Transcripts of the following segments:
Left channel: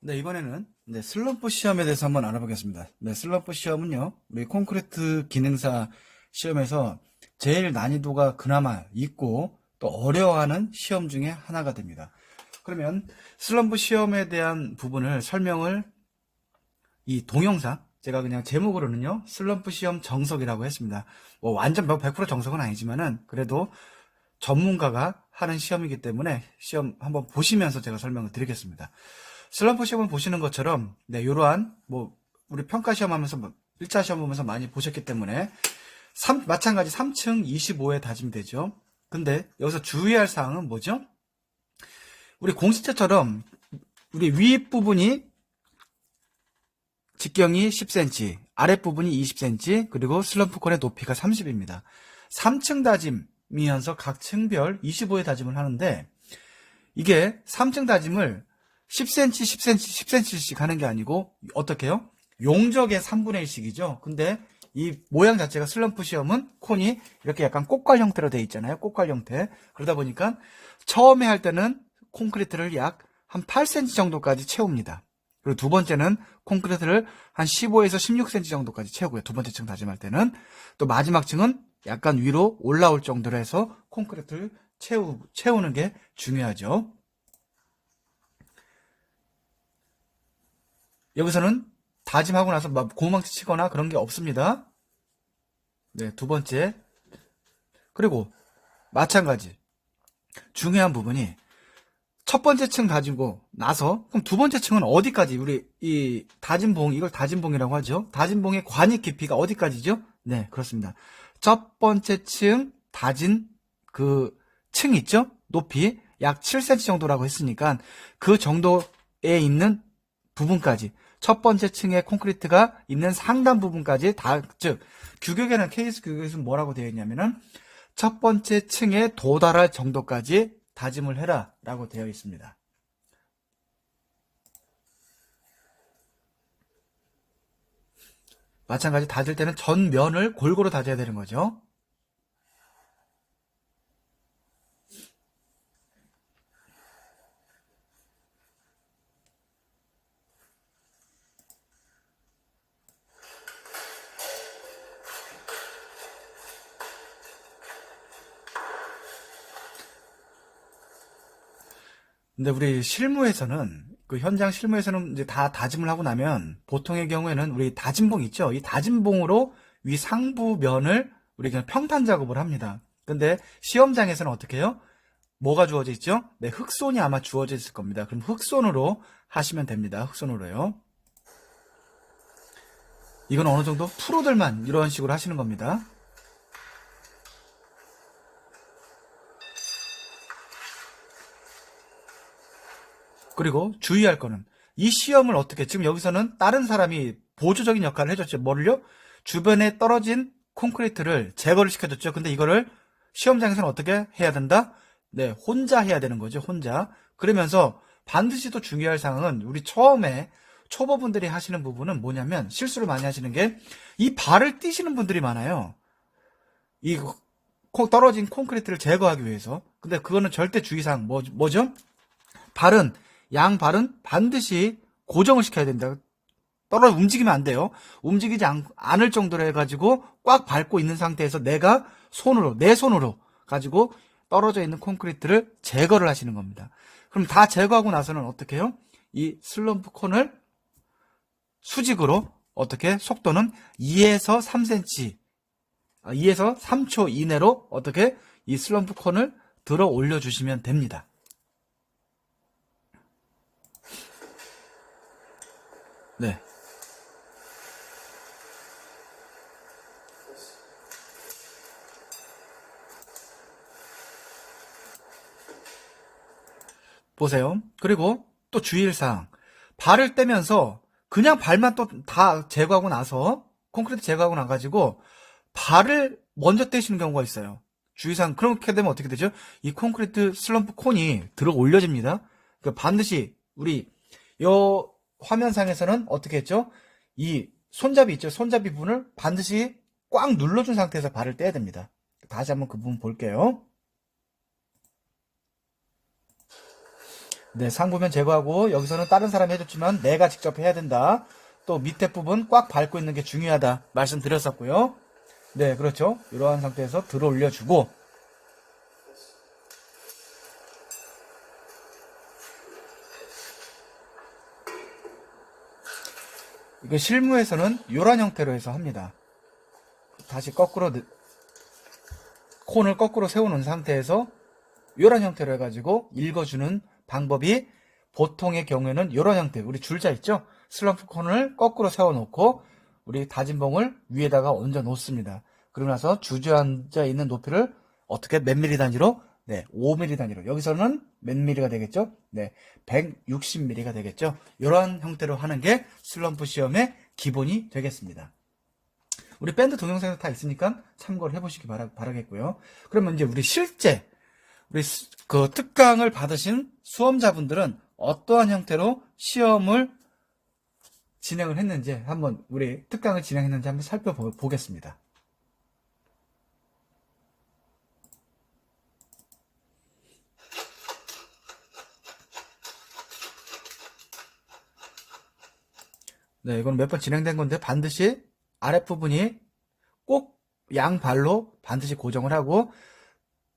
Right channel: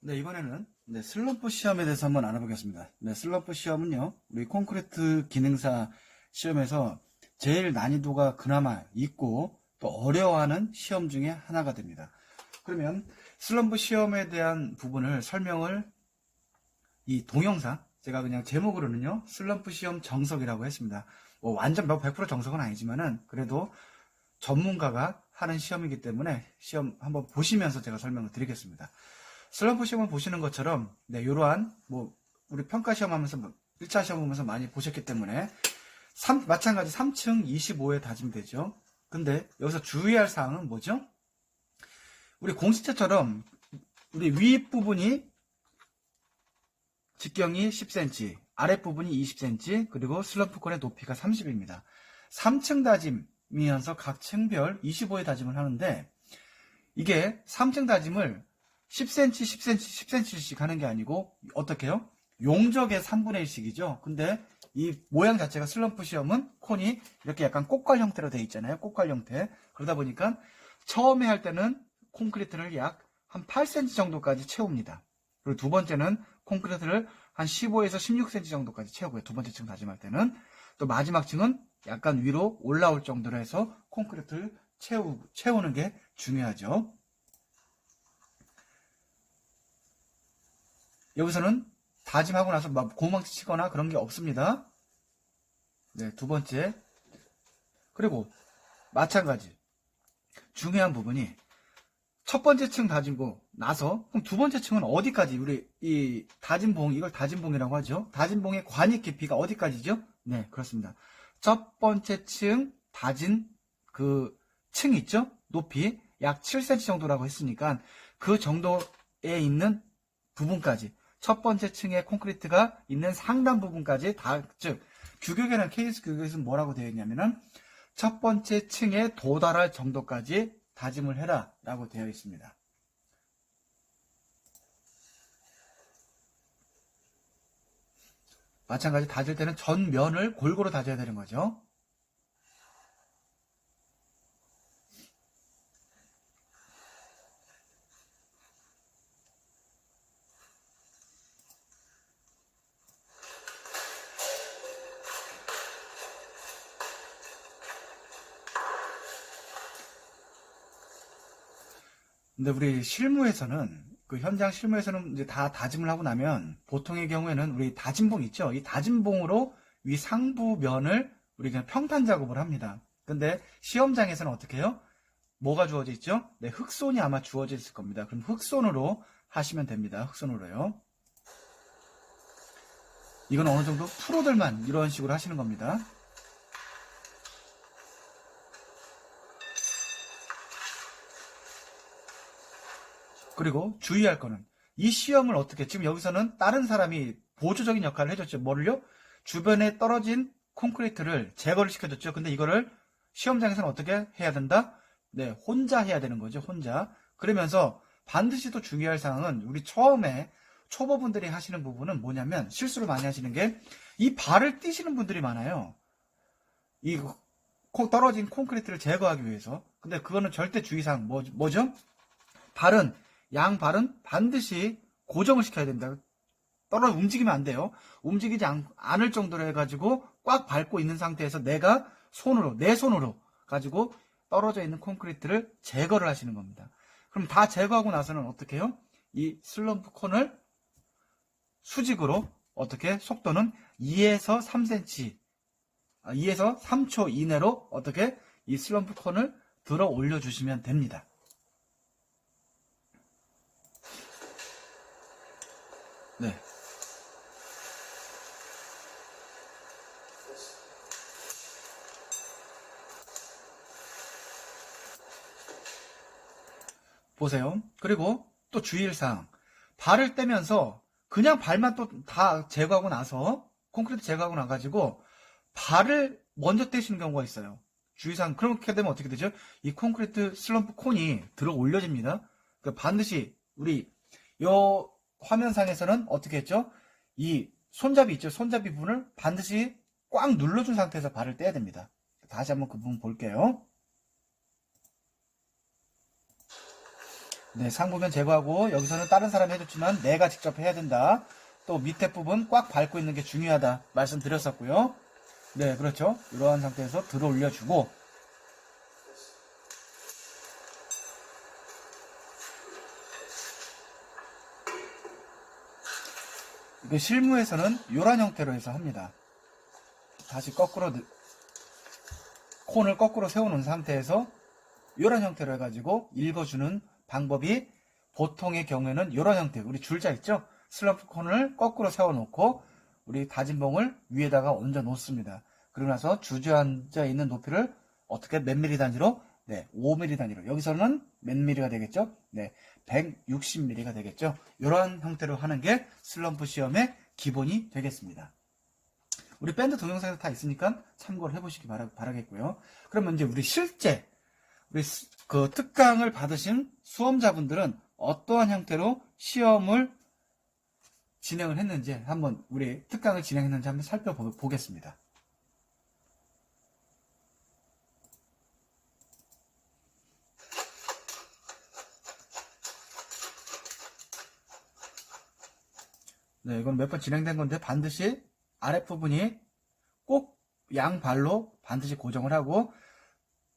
네, 이번에는 슬럼프 시험에 대해서 한번 알아보겠습니다. 네, 슬럼프 시험은요, 우리 콘크리트 기능사 시험에서 제일 난이도가 그나마 있고 또 어려워하는 시험 중에 하나가 됩니다. 그러면 슬럼프 시험에 대한 부분을 설명을 이 동영상, 제가 그냥 제목으로는요, 슬럼프 시험 정석이라고 했습니다. 뭐 완전 100% 정석은 아니지만은 그래도 전문가가 하는 시험이기 때문에 시험 한번 보시면서 제가 설명을 드리겠습니다. 슬럼프 시험을 보시는 것처럼 이러한 우리 평가 시험 하면서 1차 시험 보면서 많이 보셨기 때문에 마찬가지 3층 25에 다짐이 되죠. 근데 여기서 주의할 사항은 뭐죠? 우리 공시체처럼 우리 윗부분이 직경이 10cm, 아랫부분이 20cm, 그리고 슬럼프 콘의 높이가 30입니다. 3층 다짐이면서 각 층별 25의 다짐을 하는데 이게 3층 다짐을 10cm, 10cm, 10cm씩 하는 게 아니고 어떻게 해요? 용적의 3분의 1씩이죠. 근데 이 모양 자체가 슬럼프 시험은 콘이 이렇게 약간 꽃갈 형태로 되어 있잖아요. 꽃갈 형태. 그러다 보니까 처음에 할 때는 콘크리트를 약 한 8cm 정도까지 채웁니다. 그리고 두 번째는 콘크리트를 한 15에서 16cm 정도까지 채우고요. 두 번째 층 다짐할 때는. 또 마지막 층은 약간 위로 올라올 정도로 해서 콘크리트를 채우는 게 중요하죠. 여기서는 다짐하고 나서 막 고망치 치거나 그런 게 없습니다. 네, 두 번째. 그리고 마찬가지. 중요한 부분이 첫 번째 층 다지고 나서 그럼 두 번째 층은 어디까지 우리 이 다짐봉 이걸 다짐봉이라고 하죠. 다짐봉의 관입 깊이가 어디까지죠? 네, 그렇습니다. 첫 번째 층 다진 그 층 있죠? 높이 약 7cm 정도라고 했으니까 그 정도에 있는 부분까지 첫 번째 층의 콘크리트가 있는 상단 부분까지 즉 규격에는 케이스 규격에서는 뭐라고 되어 있냐면은 첫 번째 층에 도달할 정도까지 다짐을 해라 라고 되어 있습니다. 마찬가지 다질 때는 전면을 골고루 다져야 되는 거죠. 근데 우리 실무에서는 그 현장 실무에서는 이제 다 다짐을 하고 나면 보통의 경우에는 우리 다짐봉 있죠. 이 다짐봉으로 위 상부 면을 우리 그냥 평탄 작업을 합니다. 근데 시험장에서는 어떻게 해요? 뭐가 주어져 있죠? 네, 흑손이 아마 주어져 있을 겁니다. 그럼 흑손으로 하시면 됩니다. 흑손으로요. 이건 어느 정도 프로들만 이런 식으로 하시는 겁니다. 그리고 주의할 거는 이 시험을 어떻게 지금 여기서는 다른 사람이 보조적인 역할을 해줬죠. 뭐를요? 주변에 떨어진 콘크리트를 제거를 시켜줬죠. 근데 이거를 시험장에서는 어떻게 해야 된다? 네, 혼자 해야 되는 거죠. 혼자. 그러면서 반드시 또 중요할 사항은 우리 처음에 초보분들이 하시는 부분은 뭐냐면 실수를 많이 하시는 게 이 발을 띄시는 분들이 많아요. 이 떨어진 콘크리트를 제거하기 위해서. 근데 그거는 절대 주의사항 뭐죠? 발은 양발은 반드시 고정을 시켜야 된다. 움직이면 안 돼요. 움직이지 않을 정도로 해가지고 꽉 밟고 있는 상태에서 내 손으로 가지고 떨어져 있는 콘크리트를 제거를 하시는 겁니다. 그럼 다 제거하고 나서는 어떻게 해요? 이 슬럼프 콘을 수직으로 어떻게 속도는 2에서 3cm, 2에서 3초 이내로 어떻게 이 슬럼프 콘을 들어 올려주시면 됩니다. 네. 보세요. 그리고 또 주의사항. 발을 떼면서 그냥 발만 또 다 제거하고 나서 콘크리트 제거하고 나가지고 발을 먼저 떼시는 경우가 있어요. 주의사항. 그렇게 되면 어떻게 되죠? 이 콘크리트 슬럼프 콘이 들어 올려집니다. 그러니까 반드시 우리 요 화면상에서는 어떻게 했죠? 이 손잡이 있죠? 손잡이 부분을 반드시 꽉 눌러준 상태에서 발을 떼야 됩니다. 다시 한번 그 부분 볼게요. 네, 상부면 제거하고 여기서는 다른 사람이 해줬지만 내가 직접 해야 된다. 또 밑에 부분 꽉 밟고 있는 게 중요하다 말씀드렸었고요. 네, 그렇죠. 이러한 상태에서 들어 올려주고 이거 실무에서는 이런 형태로 해서 합니다. 다시 거꾸로 콘을 거꾸로 세우는 상태에서 이런 형태로 해가지고 읽어주는 방법이 보통의 경우에는 이런 형태, 우리 줄자 있죠? 슬럼프 콘을 거꾸로 세워놓고 우리 다진 봉을 위에다가 얹어 놓습니다. 그러고 나서 주저앉아 있는 높이를 어떻게 몇 미리 단위로? 네, 5mm 단위로. 여기서는 몇 미리가 되겠죠? 네, 160mm가 되겠죠? 이러한 형태로 하는 게 슬럼프 시험의 기본이 되겠습니다. 우리 밴드 동영상에서 다 있으니까 참고를 해보시기 바라겠고요. 그러면 이제 우리 실제 우리 그 특강을 받으신 수험자분들은 어떠한 형태로 시험을 진행을 했는지 한번 우리 특강을 진행했는지 한번 살펴보겠습니다. 네, 이건 몇 번 진행된 건데 반드시 아랫부분이 꼭 양발로 반드시 고정을 하고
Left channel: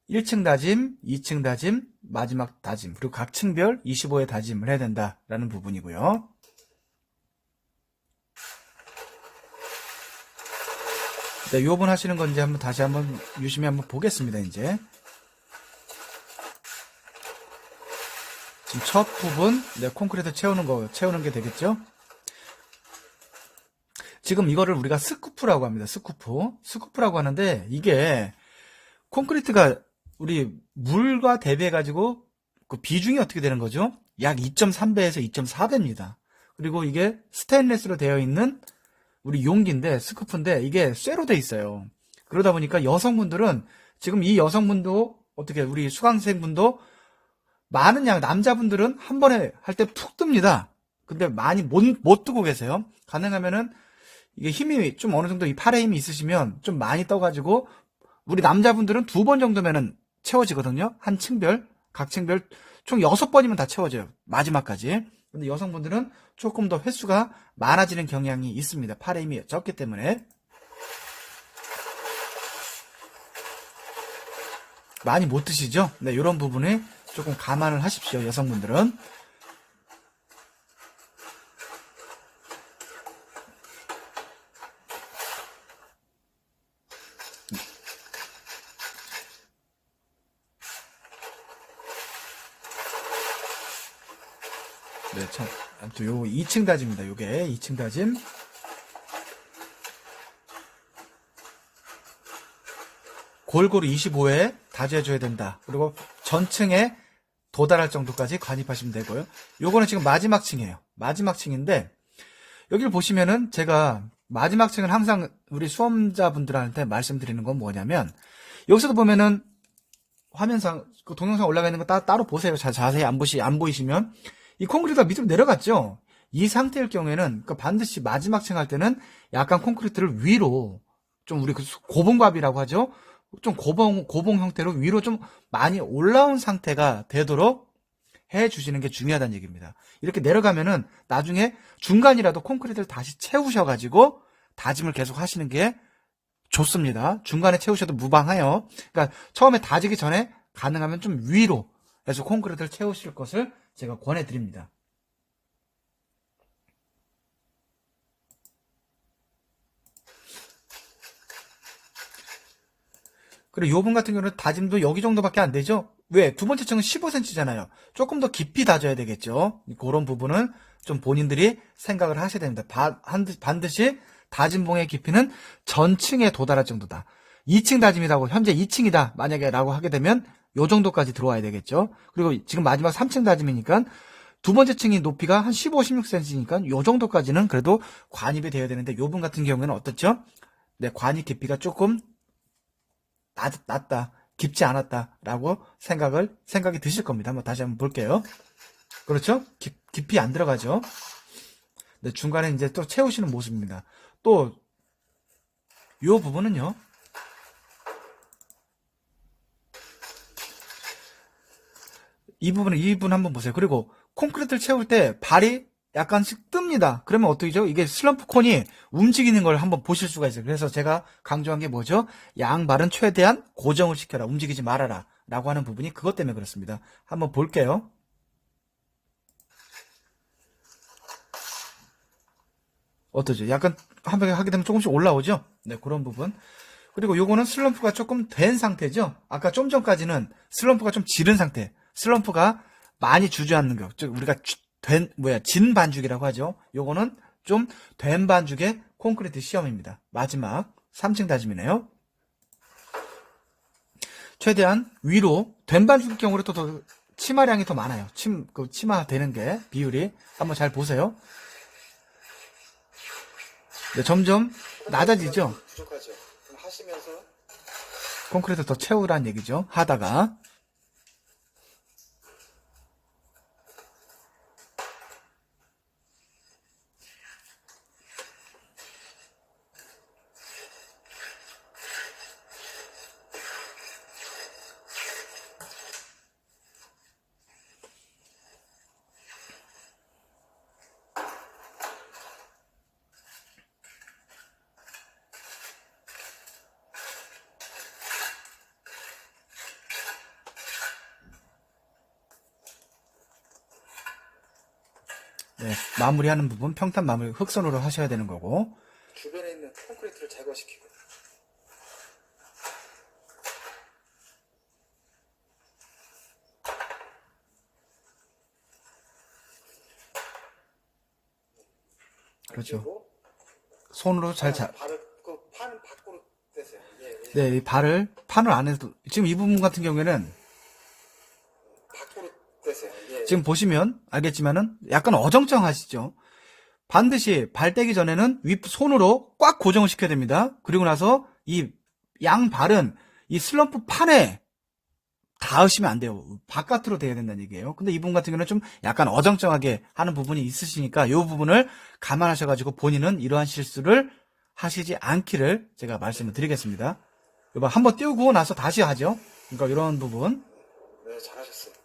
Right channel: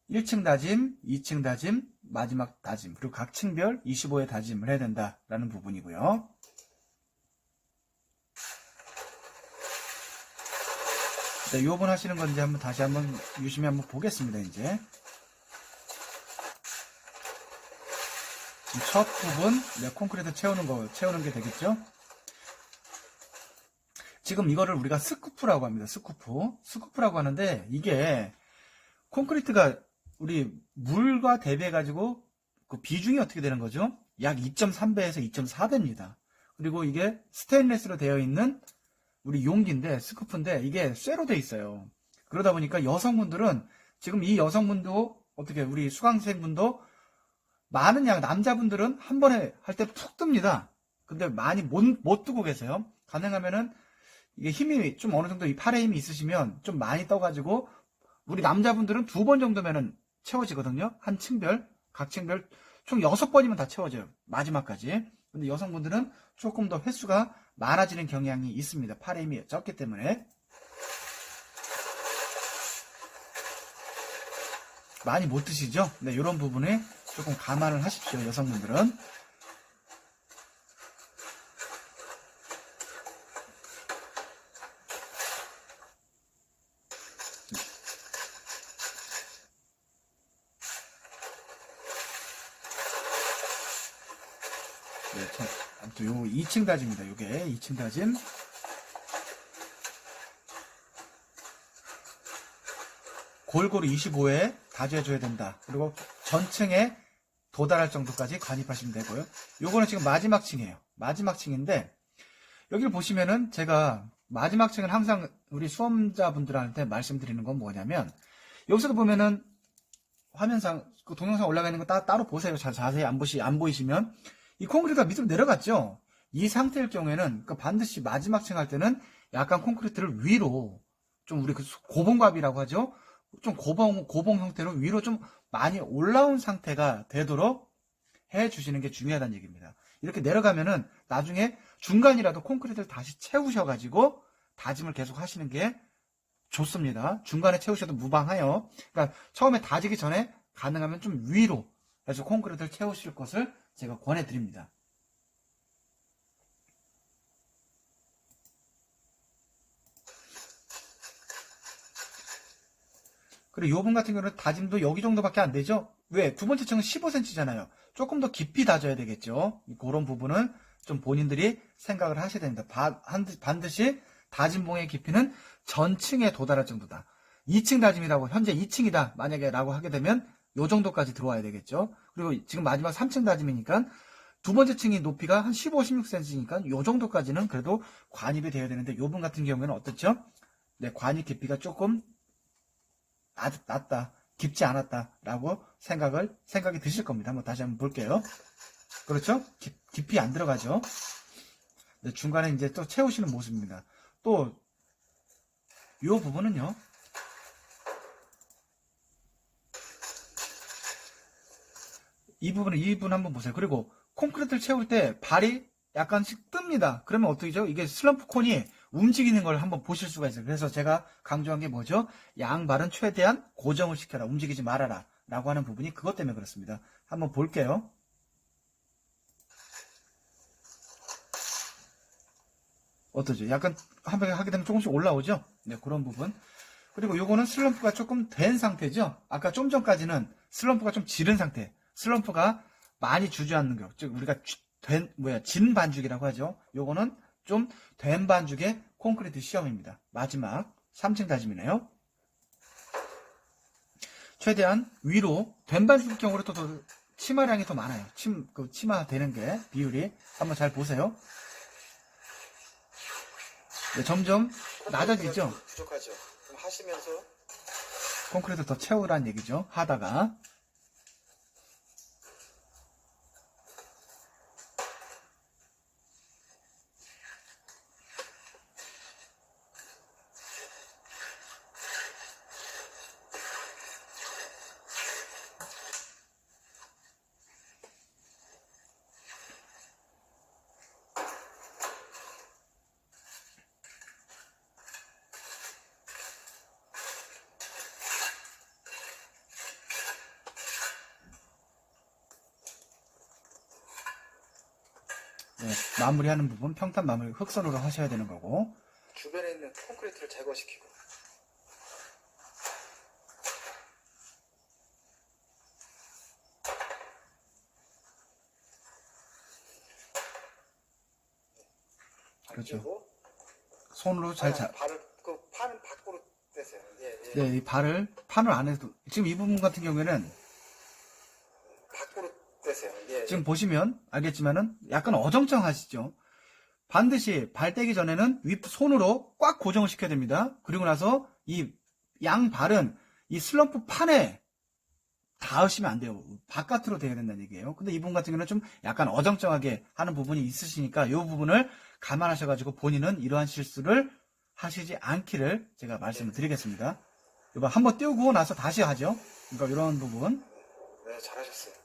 1층 다짐, 2층 다짐, 마지막 다짐, 그리고 각 층별 25회 다짐을 해야 된다라는 부분이고요. 네, 요번 하시는 건지 한번 다시 한번 유심히 한번 보겠습니다. 이제 지금 첫 부분, 네, 콘크리트 채우는 게 되겠죠. 지금 이거를 우리가 스쿠프라고 합니다. 스쿠프라고 하는데 이게 콘크리트가 우리 물과 대비해 가지고 그 비중이 어떻게 되는 거죠? 약 2.3배에서 2.4배입니다. 그리고 이게 스테인리스로 되어 있는 우리 용기인데 스쿠프인데 이게 쇠로 돼 있어요. 그러다 보니까 여성분들은 지금 이 여성분도 어떻게 우리 수강생분도 많은 양 남자분들은 한 번에 할 때 푹 뜹니다. 근데 많이 못 뜨고 계세요. 가능하면은 이게 힘이 좀 어느 정도 이 팔에 힘이 있으시면 좀 많이 떠가지고 우리 남자분들은 2번 정도면은 채워지거든요. 한 층별, 각 층별 총 6번이면 다 채워져요. 마지막까지. 근데 여성분들은 조금 더 횟수가 많아지는 경향이 있습니다. 팔에 힘이 적기 때문에. 많이 못 드시죠? 네, 이런 부분에 조금 감안을 하십시오. 여성분들은. 네, 아무튼 요 2층 다짐입니다. 요게 2층 다짐. 골고루 25회 다져줘야 된다. 그리고 전층에 도달할 정도까지 관입하시면 되고요. 요거는 지금 마지막 층이에요. 마지막 층인데 여기를 보시면은 제가 마지막 층은 항상 우리 수험자분들한테 말씀드리는 건 뭐냐면 여기서도 보면은 화면상 그 동영상 올라가 있는 거 따로 보세요. 자세히 안 보이시면 이 콘크리트가 밑으로 내려갔죠. 이 상태일 경우에는 반드시 마지막 층 할 때는 약간 콘크리트를 위로 좀 우리 그 고봉갑이라고 하죠. 좀 고봉 형태로 위로 좀 많이 올라온 상태가 되도록 해 주시는 게 중요하다는 얘기입니다. 이렇게 내려가면은 나중에 중간이라도 콘크리트를 다시 채우셔가지고 다짐을 계속 하시는 게 좋습니다. 중간에 채우셔도 무방해요. 그러니까 처음에 다지기 전에 가능하면 좀 위로 해서 콘크리트를 채우실 것을 제가 권해드립니다. 그리고 요 분 같은 경우는 다짐도 여기 정도밖에 안 되죠? 왜? 두 번째 층은 15cm잖아요. 조금 더 깊이 다져야 되겠죠? 그런 부분은 좀 본인들이 생각을 하셔야 됩니다. 반드시 다짐봉의 깊이는 전층에 도달할 정도다. 2층 다짐이라고, 현재 2층이다. 만약에 라고 하게 되면 요 정도까지 들어와야 되겠죠? 그리고 지금 마지막 3층 다짐이니까 두 번째 층이 높이가 한 15, 16cm니까 요 정도까지는 그래도 관입이 되어야 되는데 요 분 같은 경우에는 어떻죠? 네, 관입 깊이가 조금 낮다, 깊지 않았다라고 생각이 드실 겁니다. 한번 다시 한번 볼게요. 그렇죠? 깊이 안 들어가죠. 네, 중간에 이제 또 채우시는 모습입니다. 또, 요 부분은요. 이 부분 한번 보세요. 그리고 콘크리트를 채울 때 발이 약간씩 뜹니다. 그러면 어떻게죠? 이게 슬럼프 콘이 움직이는 걸 한번 보실 수가 있어요. 그래서 제가 강조한 게 뭐죠? 양발은 최대한 고정을 시켜라. 움직이지 말아라. 라고 하는 부분이 그것 때문에 그렇습니다. 한번 볼게요. 어떠죠? 약간 한번 하게 되면 조금씩 올라오죠? 네, 그런 부분. 그리고 요거는 슬럼프가 조금 된 상태죠? 아까 좀 전까지는 슬럼프가 좀 지른 상태. 슬럼프가 많이 주저앉는 거. 즉, 우리가 진 반죽이라고 하죠. 요거는 좀 된 반죽의 콘크리트 시험입니다. 마지막 3층 다짐이네요. 최대한 위로 된 반죽일 경우로 또 더 치마량이 더 많아요. 치마 되는 게 비율이. 한번 잘 보세요. 네, 점점 낮아지죠? 부족하죠. 그럼 하시면서 콘크리트 더 채우라는 얘기죠. 하다가. 네, 마무리하는 부분 평탄 마무리 흑선으로 하셔야 되는 거고. 주변에 있는 콘크리트를 제거시키고 그렇죠. 그리고 손으로 발을 그 판은 밖으로 떼세요. 예, 예. 네, 이 판을 안에도 지금 이 부분 같은 경우에는 밖으로 떼세요. 예, 지금 보시면 알겠지만은 약간 어정쩡하시죠. 반드시 발 떼기 전에는 손으로 꽉 고정을 시켜야 됩니다. 그리고 나서 이 양발은 이 슬럼프 판에 닿으시면 안 돼요. 바깥으로 돼야 된다는 얘기예요. 근데 이분 같은 경우는 좀 약간 어정쩡하게 하는 부분이 있으시니까 이 부분을 감안하셔가지고 본인은 이러한 실수를 하시지 않기를 제가 말씀을 드리겠습니다. 이거 한번 띄우고 나서 다시 하죠. 그러니까 이런 부분. 네, 잘하셨어요.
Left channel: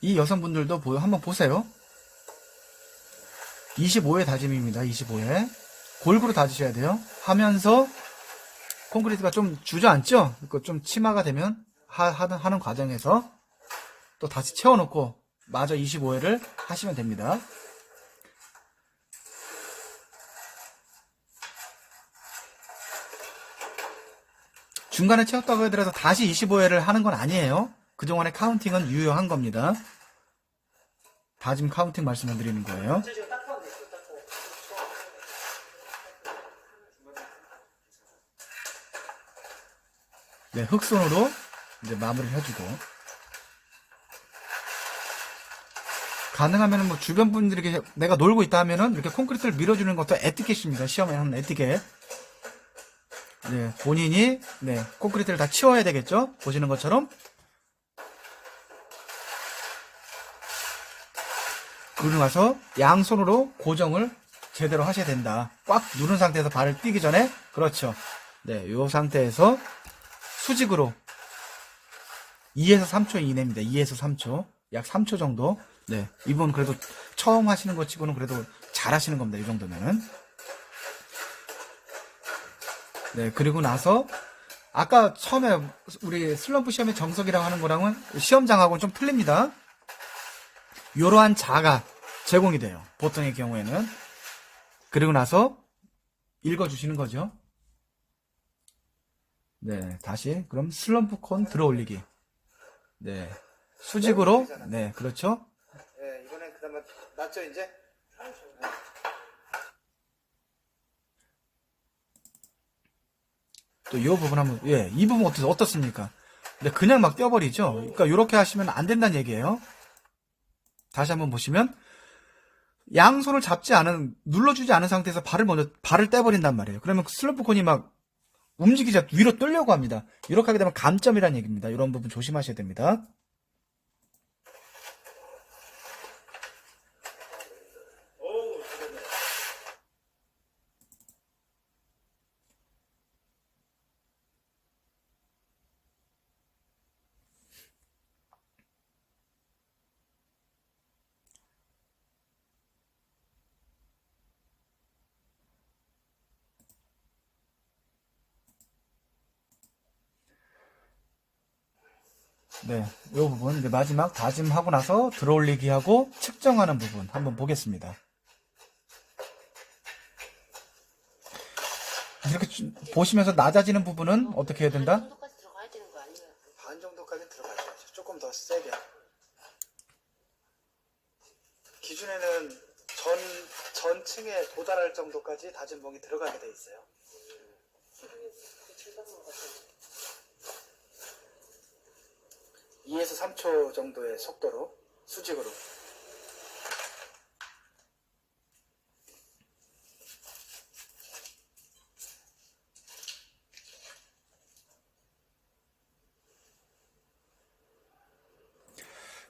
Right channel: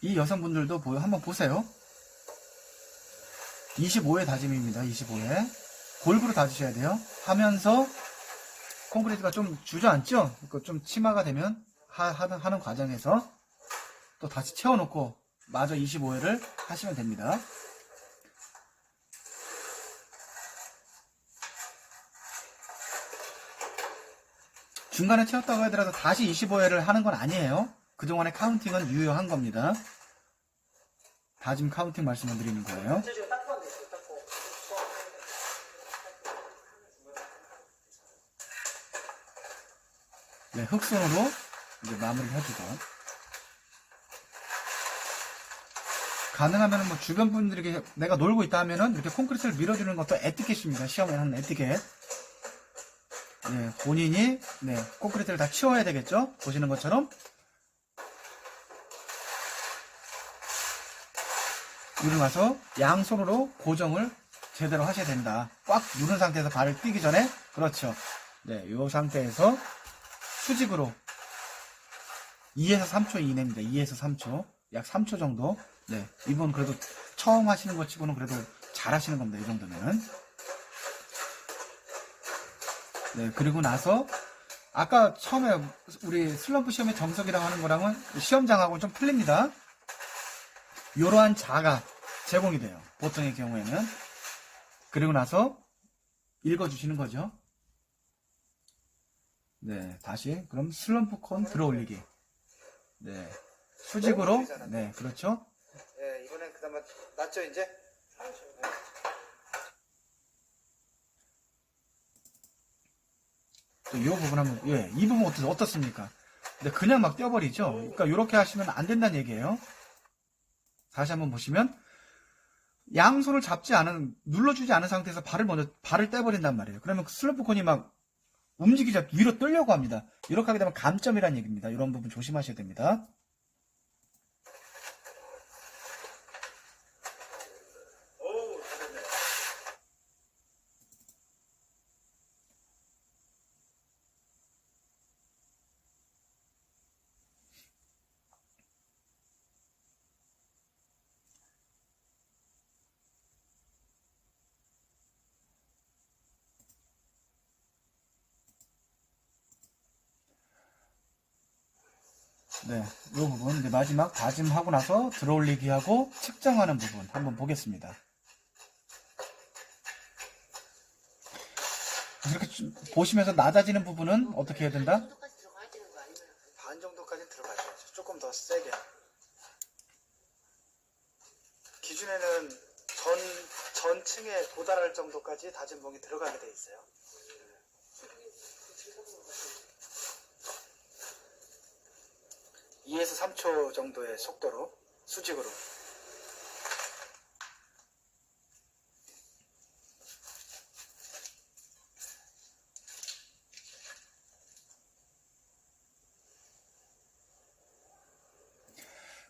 이 여성분들도 한번 보세요. 25회 다짐입니다. 25회. 골고루 다지셔야 돼요. 하면서 콘크리트가 좀 주저앉죠? 그거 좀 치마가 되면 하는 과정에서 또 다시 채워놓고 마저 25회를 하시면 됩니다. 중간에 채웠다고 하더라도 다시 25회를 하는 건 아니에요. 그동안의 카운팅은 유효한 겁니다. 다짐 카운팅 말씀을 드리는 거예요. 네, 흑손으로 이제 마무리를 해주고. 가능하면 뭐 주변 분들에게 내가 놀고 있다 하면은 이렇게 콘크리트를 밀어주는 것도 에티켓입니다. 시험에 하는 에티켓. 네, 본인이, 네, 콘크리트를 다 치워야 되겠죠? 보시는 것처럼. 그리고 나서 양손으로 고정을 제대로 하셔야 된다. 꽉 누른 상태에서 발을 띄기 전에, 그렇죠. 네, 이 상태에서 수직으로 2에서 3초 이내입니다. 2에서 3초. 약 3초 정도. 네, 이분 그래도 처음 하시는 것 치고는 그래도 잘 하시는 겁니다. 이 정도면. 네, 그리고 나서 아까 처음에 우리 슬럼프 시험의 정석이라고 하는 거랑은 시험장하고는 좀 틀립니다. 이러한 자가 제공이 돼요. 보통의 경우에는. 그리고 나서 읽어주시는 거죠. 네, 다시 그럼 슬럼프 콘 들어 올리기. 네, 수직으로. 네, 그렇죠. 예, 이번엔 그나마 낫죠 이제? 또 이 부분 한번, 예, 이 부분 어떻습니까? 근데 그냥 막 떼어버리죠. 그러니까 이렇게 하시면 안 된다는 얘기예요. 다시 한번 보시면 양손을 눌러주지 않은 상태에서 발을 떼버린단 말이에요. 그러면 슬럼프 콘이 막 움직이자 위로 뜨려고 합니다. 이렇게 하게 되면 감점이라는 얘기입니다. 이런 부분 조심하셔야 됩니다. 네, 이 부분 이제 마지막 다짐하고 나서 들어올리기 하고 측정하는 부분 한번 보겠습니다. 이렇게 보시면서 낮아지는 부분은 어떻게 해야 된다? 정도까지 들어가야 되는 거 아니에요? 반 정도까지는 들어가셔야죠. 조금 더 세게. 기준에는 전층에 도달할 정도까지 다진 멍이 들어가게 돼 있어요. 2에서 3초 정도의 속도로 수직으로.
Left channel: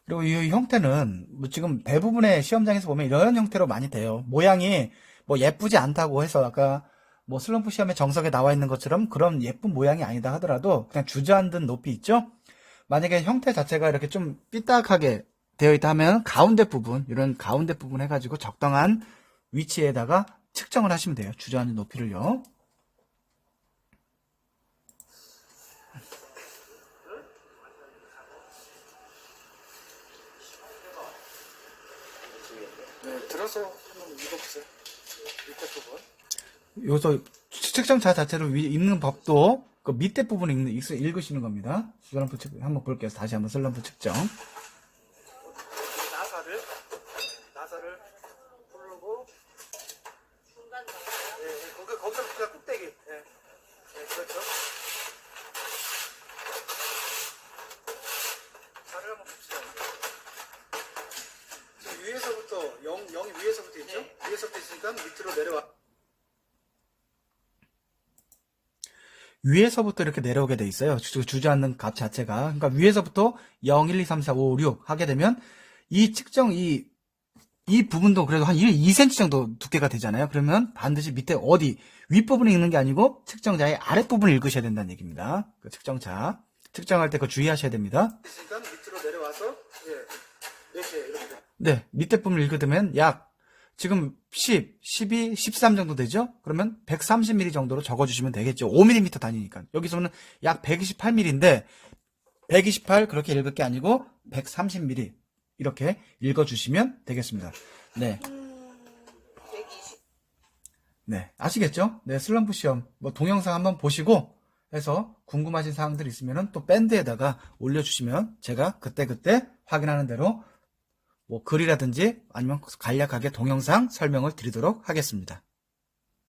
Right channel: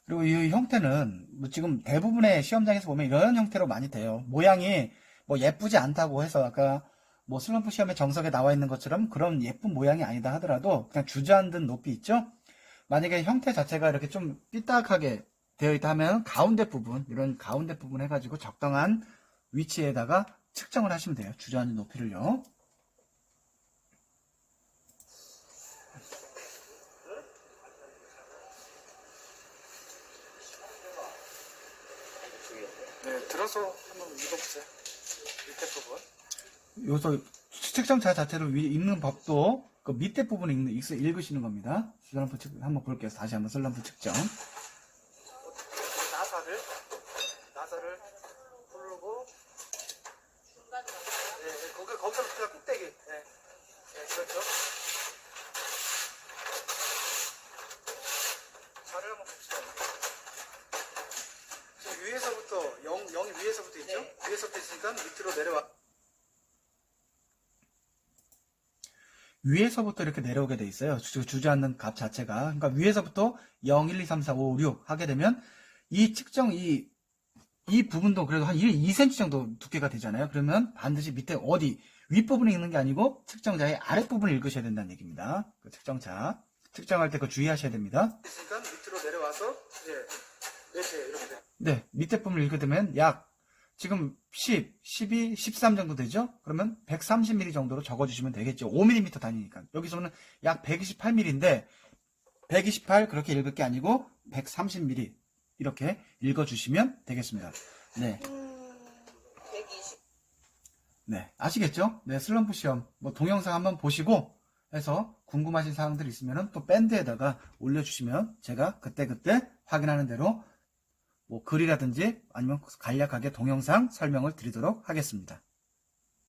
그리고 이 형태는 뭐 지금 대부분의 시험장에서 보면 이런 형태로 많이 돼요. 모양이 뭐 예쁘지 않다고 해서 아까 뭐 슬럼프 시험에 정석에 나와 있는 것처럼 그런 예쁜 모양이 아니다 하더라도 그냥 주저앉은 높이 있죠? 만약에 형태 자체가 이렇게 좀 삐딱하게 되어 있다 하면 가운데 부분, 이런 가운데 부분 해가지고 적당한 위치에다가 측정을 하시면 돼요. 주저앉은 높이를요. 네, 들어서 한번 읽어보세요. 밑에 부분. 여기서 측정자 자체를 읽는 법도 그 밑에 부분 읽으시는 겁니다. 슬럼프 한번 볼게요. 다시 한번 슬럼프 측정. 나사를 부르고 거기서부터 꼭대기. 그렇죠. 자를 한번 봅시다. 지금 위에서부터 0이 위에서부터 있죠? 네. 위에서부터 있으니까 밑으로 내려와. 위에서부터 이렇게 내려오게 돼 있어요. 주저앉는 값 자체가. 그러니까 위에서부터 0, 1, 2, 3, 4, 5, 6 하게 되면 이 측정, 이 부분도 그래도 한 2cm 정도 두께가 되잖아요. 그러면 반드시 밑에 어디, 윗부분에 읽는 게 아니고 측정자의 아랫부분을 읽으셔야 된다는 얘기입니다. 그 측정자. 측정할 때 그거 주의하셔야 됩니다. 있으니까 밑으로 내려와서, 이렇게 돼. 네, 밑에 부분을 읽게 되면 약 지금 10, 12, 13 정도 되죠? 그러면 130mm 정도로 적어주시면 되겠죠. 5mm 단위니까. 여기서는 약 128mm인데 128 그렇게 읽을 게 아니고 130mm 이렇게 읽어주시면 되겠습니다. 네. 120. 네, 아시겠죠? 네, 슬럼프 시험 뭐 동영상 한번 보시고 해서 궁금하신 사항들 있으면 또 밴드에다가 올려주시면 제가 그때그때 확인하는 대로 뭐 글이라든지 아니면 간략하게 동영상 설명을 드리도록 하겠습니다.